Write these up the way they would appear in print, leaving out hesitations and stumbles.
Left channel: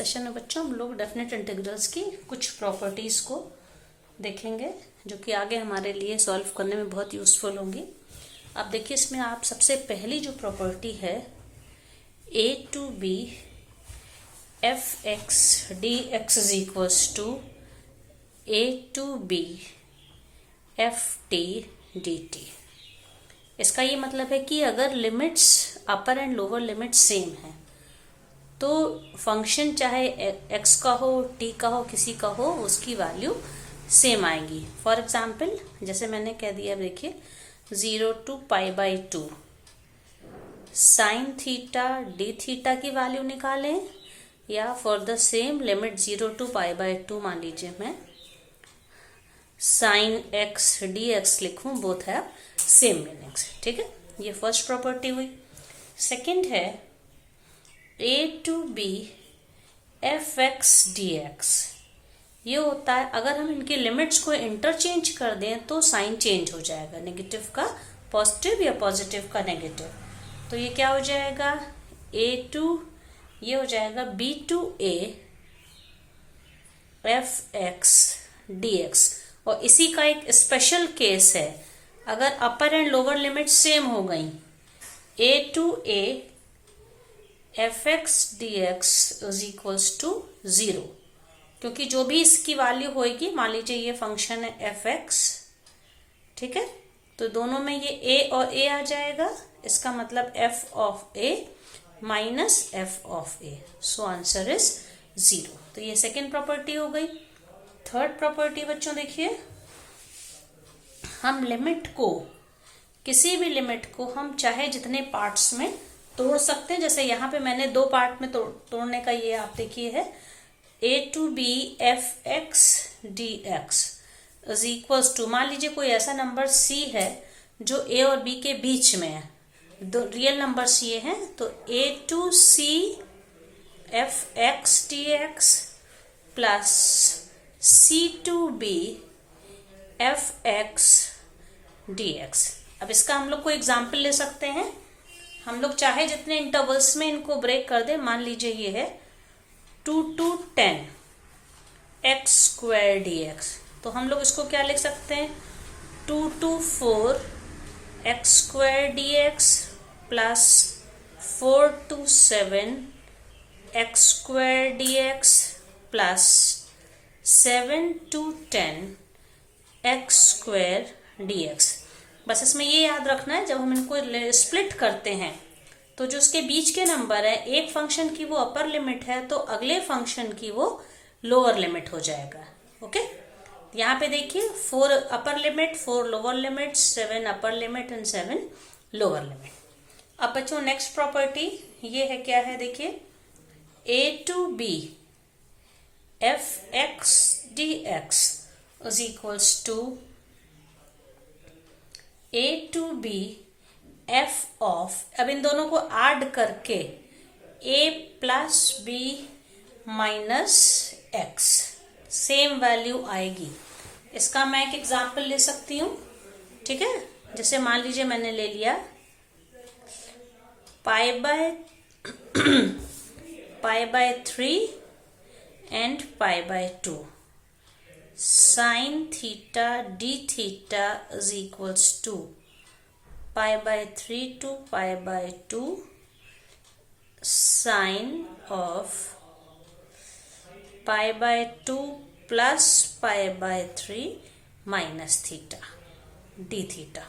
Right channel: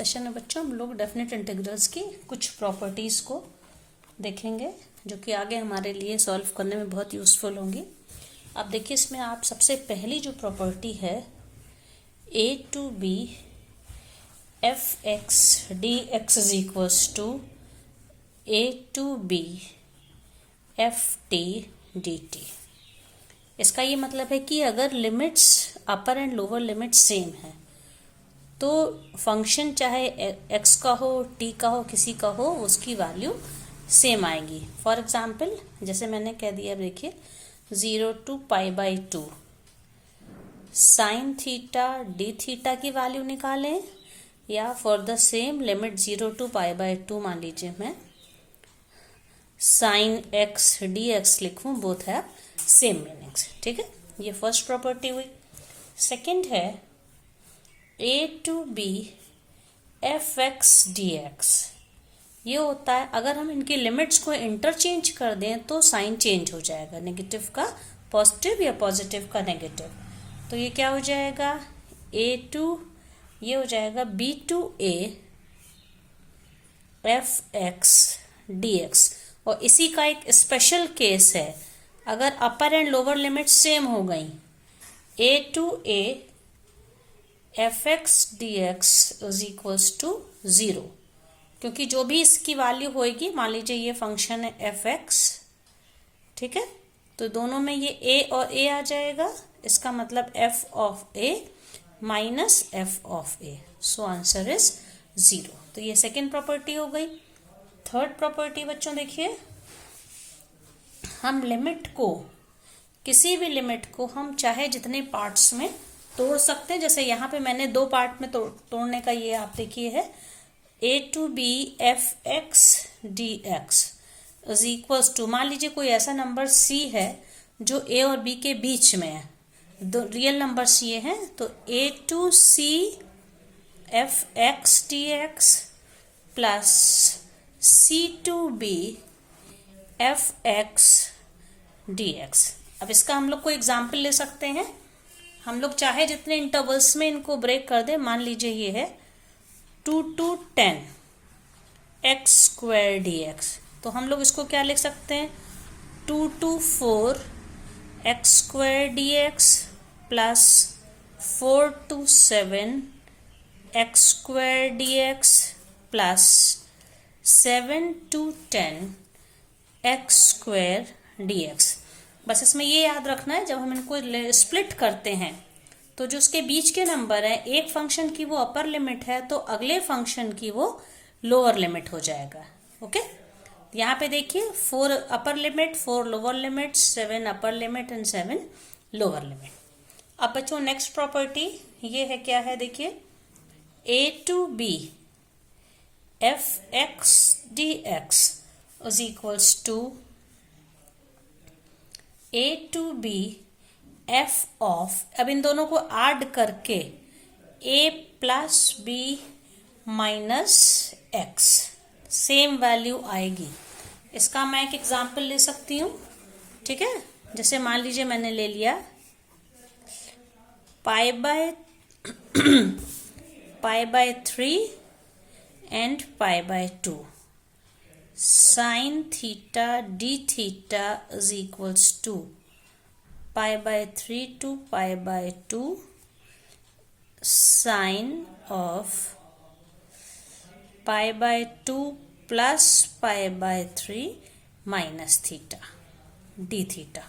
Session में बच्चों हम लोग डेफिनेट इंटीग्रल्स की कुछ प्रॉपर्टीज को देखेंगे जो कि आगे हमारे लिए सॉल्व करने में बहुत यूजफुल होंगी। अब देखिए इसमें आप सबसे पहली जो प्रॉपर्टी है a to b f x D x is equals to a to b f T D t. इसका ये मतलब है कि अगर limits upper and lower limit same है तो फंक्शन चाहे x का हो t का हो किसी का हो उसकी वैल्यू सेम आएगी। फॉर एग्जाम्पल जैसे मैंने कह दिया, देखिए 0 to pi by 2 sine theta d theta की वैल्यू निकालें, या for the same limit 0 to pi by 2 मान लीजिए मैं साइन एक्स डी एक्स लिखूं, बोथ है सेम मीनिंग्स। ठीक है, ये फर्स्ट प्रॉपर्टी हुई। सेकंड है a to b f x D x. ये होता है अगर हम इनके लिमिट्स को इंटरचेंज कर दें तो साइन चेंज हो जाएगा, नेगेटिव का पॉजिटिव या पॉजिटिव का नेगेटिव। तो ये क्या हो जाएगा, a टू ये हो जाएगा b to a f x D x. और इसी का एक स्पेशल केस है अगर upper and lower limit same हो गई, a to a f x D x is equals to 0, क्योंकि जो भी इसकी वैल्यू होगी, मान लीजिए ये फंक्शन है एफ एक्स, ठीक है, तो दोनों में ये a और a आ जाएगा, इसका मतलब f of a minus f of a, so answer is 0। तो ये सेकेंड प्रॉपर्टी हो गई। थर्ड प्रॉपर्टी बच्चों देखिए, हम लिमिट को, किसी भी लिमिट को हम चाहे जितने पार्ट्स में तोड़ सकते हैं। जैसे यहाँ पे मैंने दो पार्ट में तोड़ने का ये आप देखिए है a to b f x D x is equals to, मान लीजिए कोई ऐसा नंबर c है जो a और b के बीच में है, दो रियल नंबर्स ये हैं, तो a to c f x D x plus c to b f x D x. अब इसका हम लोग कोई एग्जाम्पल ले सकते हैं, हम लोग चाहे जितने इंटरवल्स में इनको ब्रेक कर दें। मान लीजिए ये है 2 to 10 x square d x, तो हम लोग इसको क्या लिख सकते हैं, 2 to 4 x square d x plus 4 to 7 x square d x plus 7 to 10 x square d x. बस इसमें ये याद रखना है, जब हम इनको स्प्लिट करते हैं तो जो उसके बीच के नंबर है, एक फंक्शन की वो अपर लिमिट है तो अगले फंक्शन की वो लोअर लिमिट हो जाएगा। ओके, यहाँ पे देखिए 4 upper limit 4 lower limit 7 upper limit and 7 lower limit. अब बच्चों नेक्स्ट प्रॉपर्टी ये है, क्या है देखिए, a to b f x D x is equals to a to b f of, अब इन दोनों को ऐड करके a plus b minus x, same value आएगी। इसका मैं एक एग्जांपल ले सकती हूँ, ठीक है, जैसे मान लीजिए मैंने ले लिया pi by 3 and pi by 2 sine theta d theta is equals to pi by 3 to pi by 2 sine of pi by 2 plus pi by 3 minus theta d theta.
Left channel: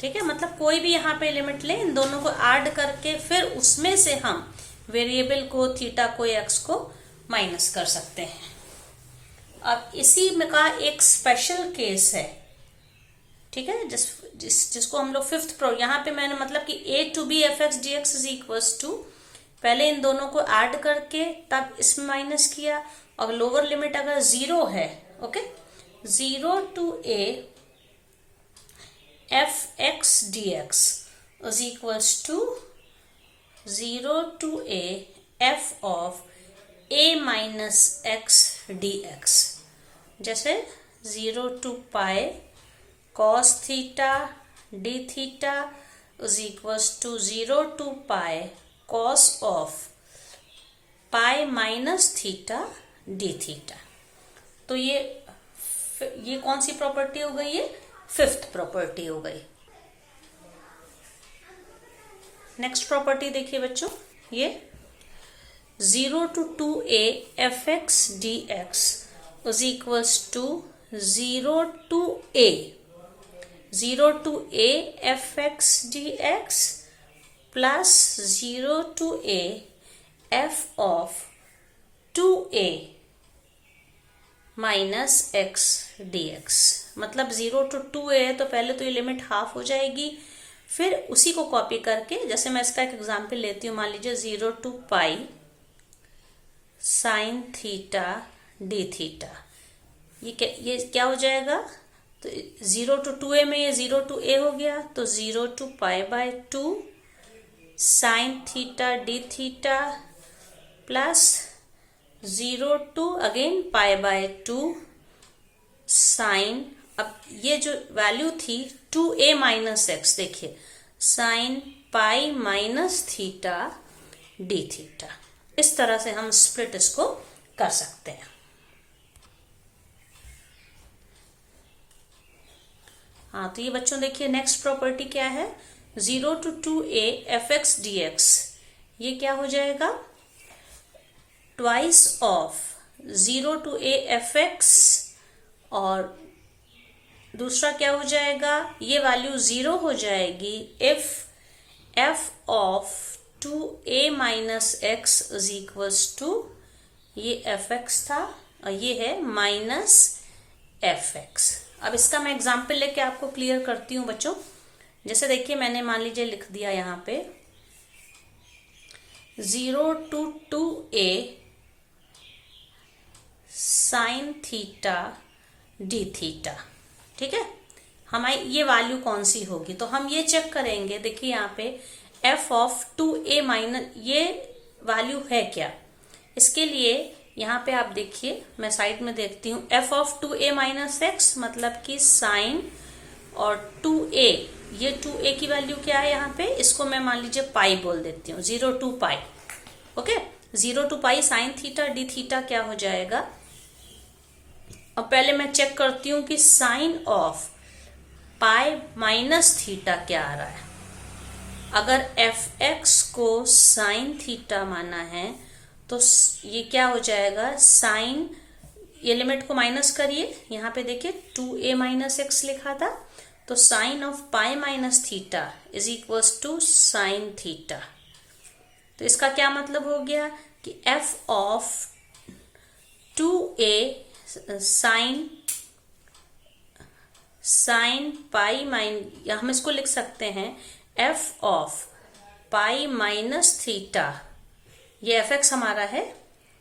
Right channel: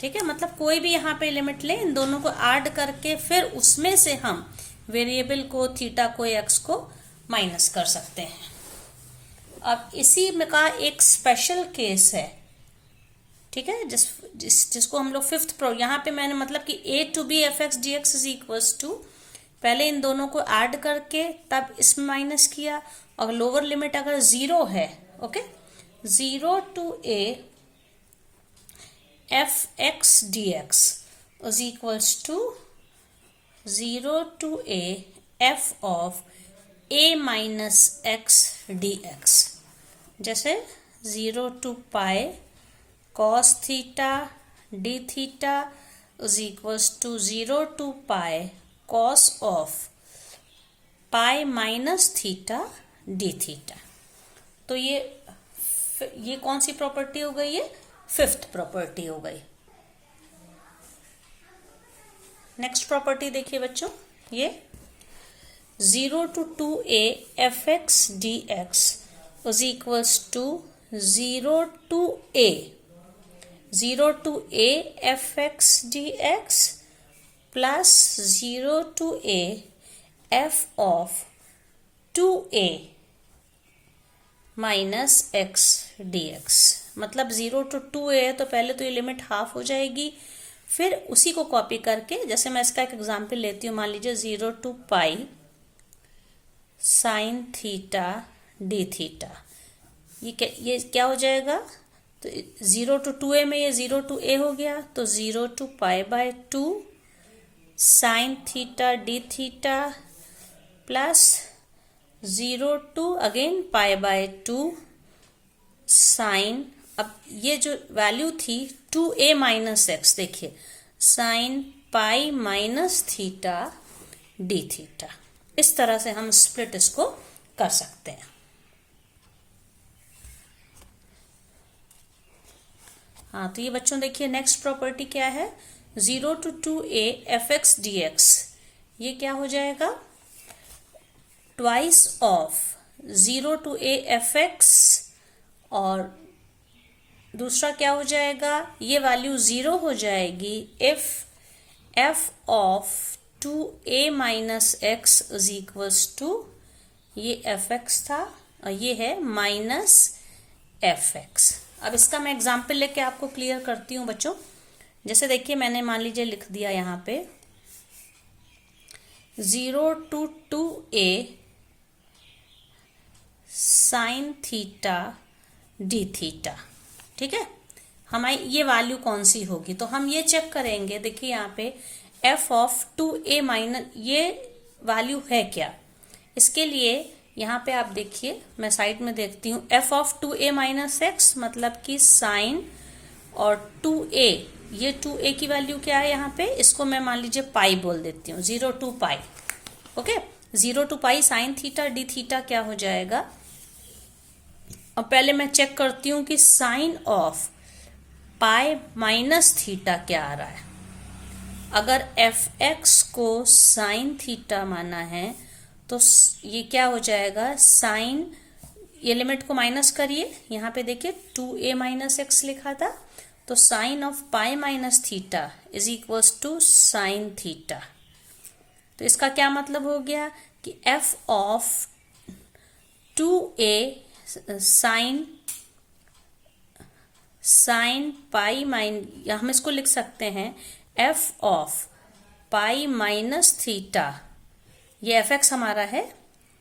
ठीक है, मतलब कोई भी यहाँ पे लिमिट ले, इन दोनों को ऐड करके फिर उसमें से हम वेरिएबल को, थीटा को, एक्स को माइनस कर सकते हैं। अब इसी में का एक स्पेशल केस है, ठीक है, जिसको हम लोग फिफ्थ प्रो, यहाँ पे मैंने मतलब कि a to b f x D x is equals to, पहले इन दोनों को ऐड करके तब इसमें माइनस किया, और लोअर लिमिट अगर 0 है, okay, 0 to a f x D x is equals to 0 to a f of a minus x D x. जैसे 0 to pi cos theta d theta is equals to 0 to pi cos of pi minus theta d theta. तो ये कौन सी property हो गई? ये fifth property हो गई। Next property देखिए बच्चों, ये 0 to 2a fx dx is equals to 0 to a fx dx plus 0 to a f of 2a minus x dx। मतलब 0 to 2a है तो पहले तो ये लिमिट हाफ हो जाएगी, फिर उसी को कॉपी करके, जैसे मैं इसका एक एग्जांपल लेती हूँ, मान लीजिए 0 to pi sine theta d theta. ये क्या हो जाएगा? तो 0 to 2a में ये 0 to a हो गया, तो 0 to pi by 2 sine theta d theta plus 0 to again pi by 2 sine, अब ये जो वैल्यू थी 2a माइनस एक्स, देखिए sine pi minus theta d theta. इस तरह से हम स्प्लिट इसको कर सकते हैं। हाँ, तो ये बच्चों देखिए नेक्स्ट प्रॉपर्टी क्या है? 0 to 2a fx dx, ये क्या हो जाएगा? Twice of 0 to a fx, और दूसरा क्या हो जाएगा? ये वैल्यू 0 हो जाएगी if f of 2a minus x is equals to, ये fx था और ये है माइनस fx। अब इसका मैं एग्जाम्पल लेके आपको क्लियर करती हूँ बच्चों। जैसे देखिए मैंने मान लीजिए लिख दिया यहाँ पे 0 to 2a sign theta d theta, ठीक है। हमारी ये वैल्यू कौन सी होगी? तो हम ये चेक करेंगे, देखिए यहाँ पे f ऑफ 2a माइनस, ये वैल्यू है क्या? इसके लिए यहाँ पे आप देखिए, मैं साइड में देखती हूँ, f of 2a minus x, मतलब कि साइन, और 2a, ये 2a की वैल्यू क्या है यहाँ पे? इसको मैं मान लीजिए पाई बोल देती हूँ, 0 to pi. Okay, 0 to pi sine theta d theta क्या हो जाएगा? अब पहले मैं चेक करती हूँ कि sine of pi minus theta क्या आ रहा है। अगर fx को साइन थीटा माना है तो ये क्या हो जाएगा? साइन, ये लिमिट को माइनस करिए, यहाँ पे देखिए 2a माइनस एक्स लिखा था, तो sine of pi minus theta is equals to sine theta. तो इसका क्या मतलब हो गया कि f of 2a sine pi minus, हम इसको लिख सकते हैं f of pi minus theta, ये fx हमारा है,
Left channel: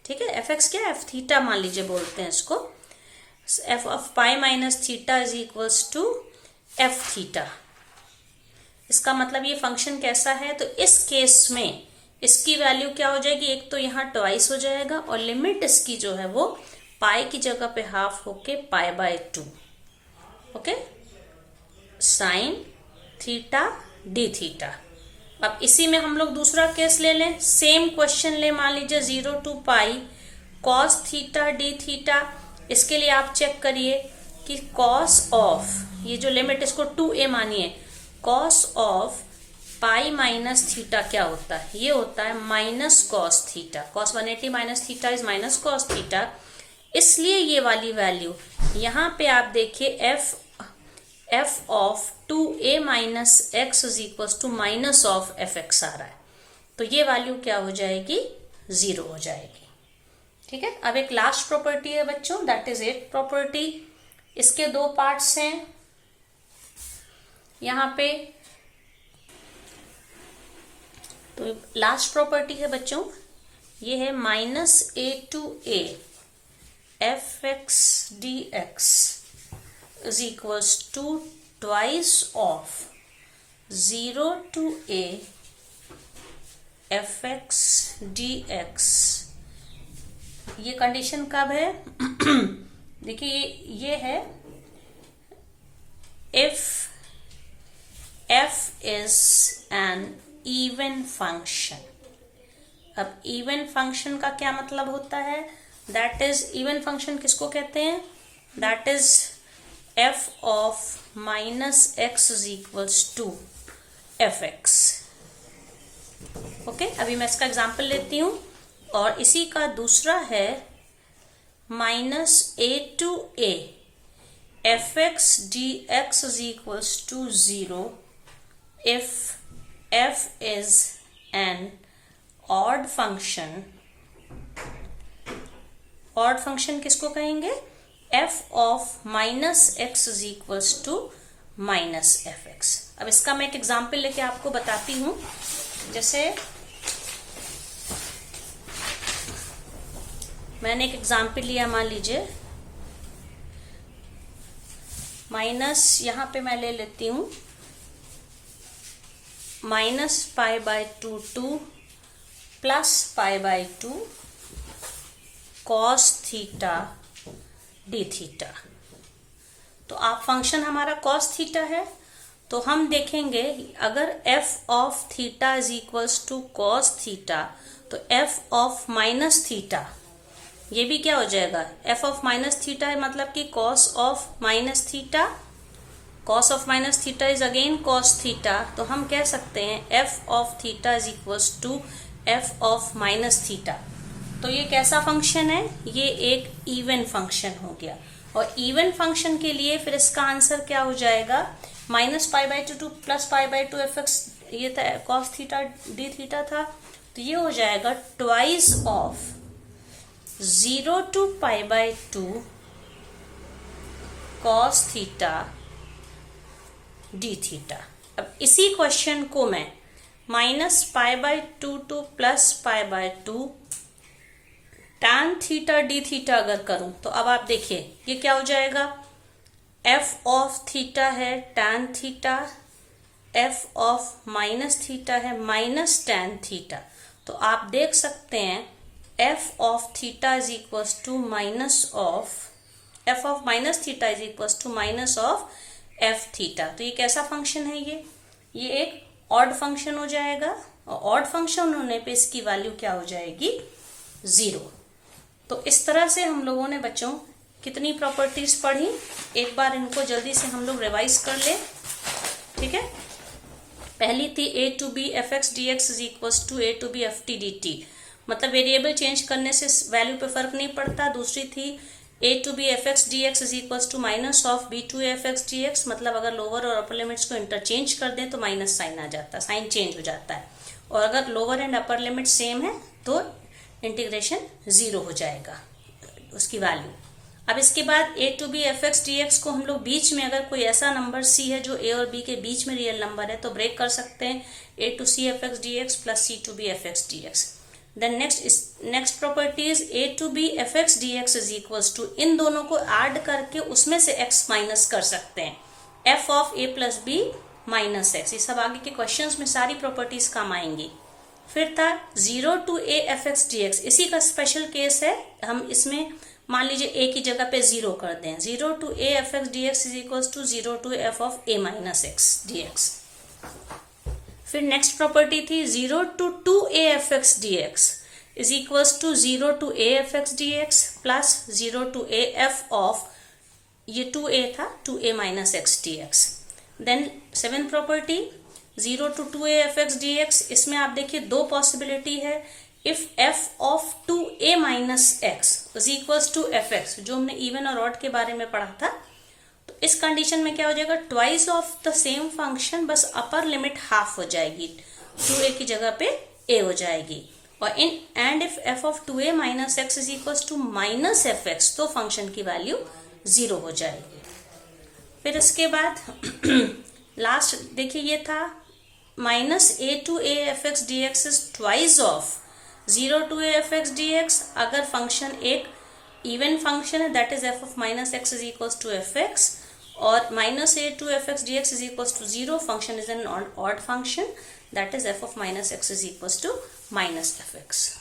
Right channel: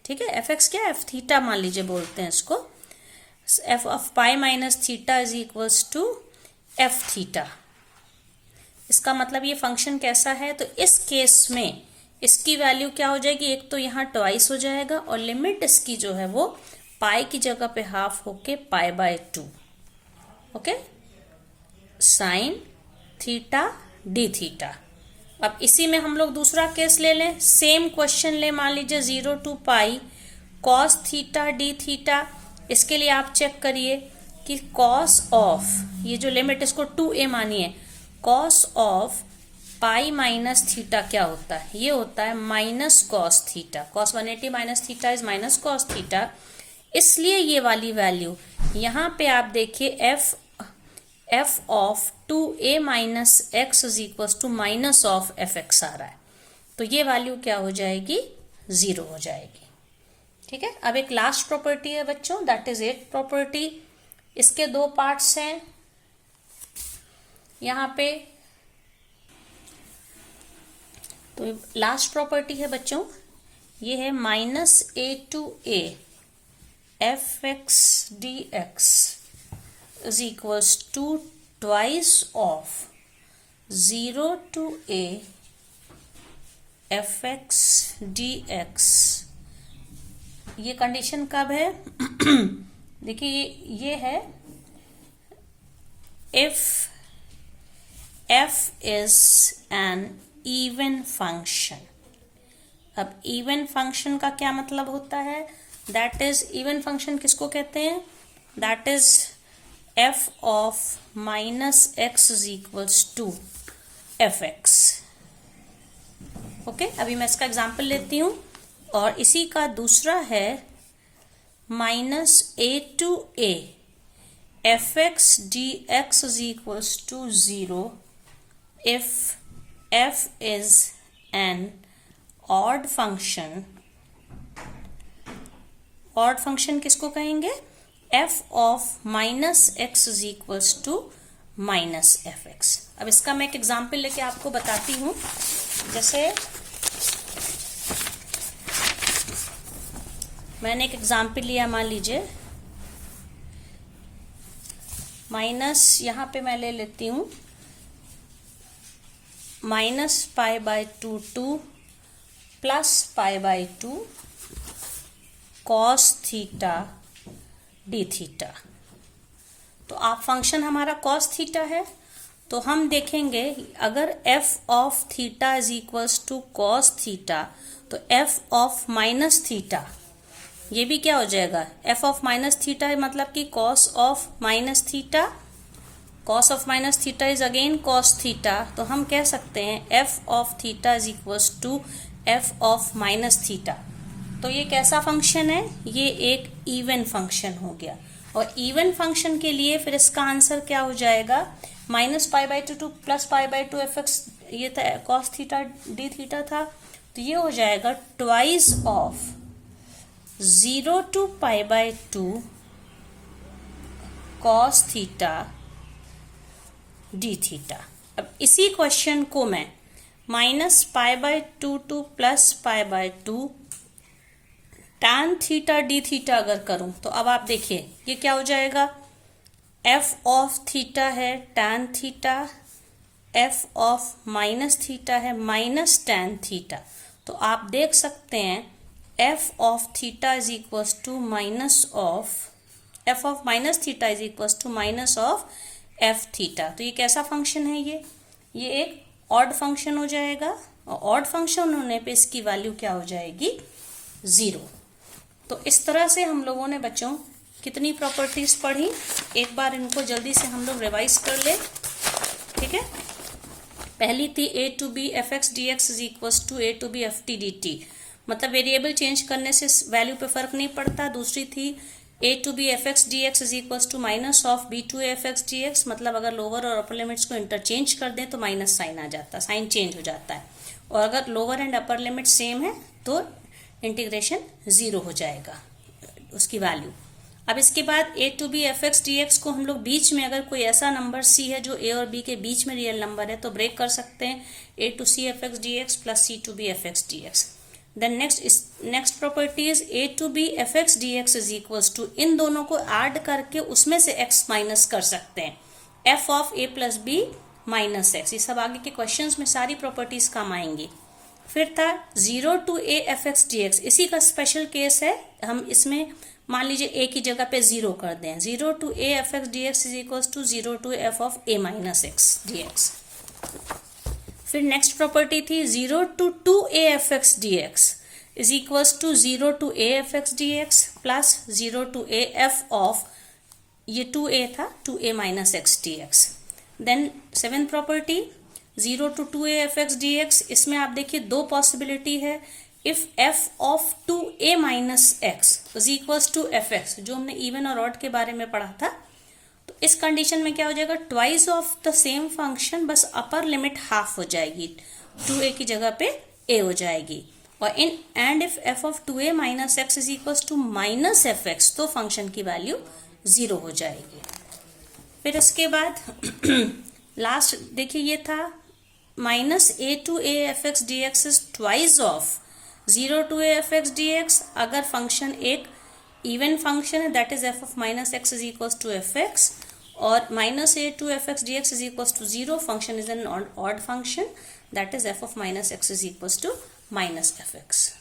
ठीक है। fx क्या है? f थीटा मान लीजिए बोलते हैं इसको। f of pi minus theta is equals to f theta. इसका मतलब ये फंक्शन कैसा है? तो इस केस में इसकी वैल्यू क्या हो जाएगी? एक तो यहाँ ट्वाइस हो जाएगा, और लिमिट इसकी जो है वो पाई की जगह पे हाफ होके पाई by 2। Okay, sign theta d theta. अब इसी में हम लोग दूसरा केस ले लें, सेम क्वेश्चन ले, मान लीजिए 0 to pi cos theta d theta. इसके लिए आप चेक करिए कि कॉस ऑफ, ये जो लिमिट इसको 2a मानिए, cos of pi minus theta क्या होता है? ये होता है minus cos theta. Cos 180 minus theta is minus cos theta. इसलिए ये वाली वैल्यू यहाँ पे आप देखिए f of 2a minus x is equal to minus of fx आ रहा है, तो ये वैल्यू क्या हो जाएगी? 0 हो जाएगी, ठीक है। अब एक लास्ट प्रॉपर्टी है बच्चों, दैट इज 8th प्रॉपर्टी। इसके दो पार्ट्स हैं यहाँ पे। तो लास्ट प्रॉपर्टी है बच्चों, ये है minus a to a fx dx is equals to twice of 0 to a fx dx। ये कंडीशन कब है? देखिए ये है if f is an even function। अब इवन फंक्शन का क्या मतलब होता है? दैट इज, इवन फंक्शन किसको कहते हैं? That is F of minus x is equals to F x. Okay, अभी मैं इसका एग्जाम्पल लेती हूं, और इसी का दूसरा है minus A to A F x D x is equals to 0 if f is an odd function. Odd function किसको कहेंगे? F of minus x is equals to minus F x. अब इसका मैं एक एग्जाम्पल लेके आपको बताती हूं। जैसे मैंने एक एग्जाम्पल लिया, मान लीजिए माइनस, यहां पे मैं ले लेती हूं minus pi by 2 plus pi by 2 cos theta d theta. तो आप फंक्शन हमारा कॉस थीटा है, तो हम देखेंगे अगर f of theta is equals to cos theta, तो एफ ऑफ माइनस थीटा ये भी क्या हो जाएगा? एफ ऑफ माइनस थीटा है, मतलब कि cos of minus theta. Cos of minus theta is again cos theta, तो हम कह सकते हैं f of theta is equals to f of minus theta. तो ये कैसा फंक्शन है? ये एक इवन फंक्शन हो गया। और इवन फंक्शन के लिए फिर इसका आंसर क्या हो जाएगा? Minus pi by 2 plus pi by 2 F x, ये था कॉस थीटा डी थीटा था, तो ये हो जाएगा twice of 0 to pi by 2 cos theta d theta. अब इसी क्वेश्चन को मैं minus pi by 2 two plus pi by 2 tan theta d theta अगर करूं, तो अब आप देखिए ये क्या हो जाएगा? एफ ऑफ थीटा है tan theta, f of minus theta है माइनस tan थीटा। तो आप देख सकते हैं f of theta is equals to minus of, f of minus theta is equals to minus of f theta. तो ये कैसा फंक्शन है? ये एक ऑड फंक्शन हो जाएगा, और ऑड फंक्शन होने पे इसकी वैल्यू क्या हो जाएगी? 0। तो इस तरह से हम लोगों ने बच्चों कितनी प्रॉपर्टीज पढ़ी, एक बार इनको जल्दी से हम लोग रिवाइज कर ले। ठीक है, पहली थी A to B F x D x is equals to A to B F T D T, मतलब वेरिएबल चेंज करने से वैल्यू पे फर्क नहीं पड़ता। दूसरी थी A to B F x D x is equals to minus of B to F x D X, मतलब अगर लोअर और अपर लिमिट्स को इंटरचेंज कर दें तो माइनस साइन आ जाता है, साइन चेंज हो जाता है। और अगर lower and upper limit same है तो इंटीग्रेशन 0 हो जाएगा उसकी वैल्यू। अब इसके बाद A to B F x D X को हम लोग बीच में, अगर कोई ऐसा नंबर सी है जो ए और बी के बीच में रियल नंबर है, तो ब्रेक कर सकते हैं A to C F x D x plus C to B F x D x. Then next property is A to B F x D x is equals to, इन दोनों को add करके उसमें से x minus कर सकते हैं, f of a plus b minus x. ये सब आगे के क्वेश्चंस में सारी प्रॉपर्टीज काम आएंगी। फिर था 0 to A F x D x, इसी का स्पेशल केस है। हम इसमें मान लीजिए ए की जगह पे 0 कर दें, 0 to A F x D x is equals to 0 to f of a minus x D x. फिर नेक्स्ट प्रॉपर्टी थी 0 to 2a f x D x is equals to 0 to A F x D x plus 0 to A f of, ये 2a था, 2a minus x D x. Then seventh property 0 to 2a f x D x, इसमें आप देखिए दो possibility है। If f of 2a minus x is equals to F x, जो हमने even और ऑड के बारे में पढ़ा था, तो इस कंडीशन में क्या हो जाएगा? Twice of the same function, बस अपर लिमिट हाफ हो जाएगी, 2a की जगह पे a हो जाएगी। और and if f of 2a minus x is equals to minus F x, तो फंक्शन की वैल्यू 0 हो जाएगी। फिर इसके बाद लास्ट देखिए ये था minus A to A F x D x is twice of 0 to A F x D X, अगर फंक्शन एक इवन फंक्शन है, that is F of minus x is equals to F X, और minus A to F x D x is equals to 0, function is an odd function, that is F of minus x is equals to minus F x.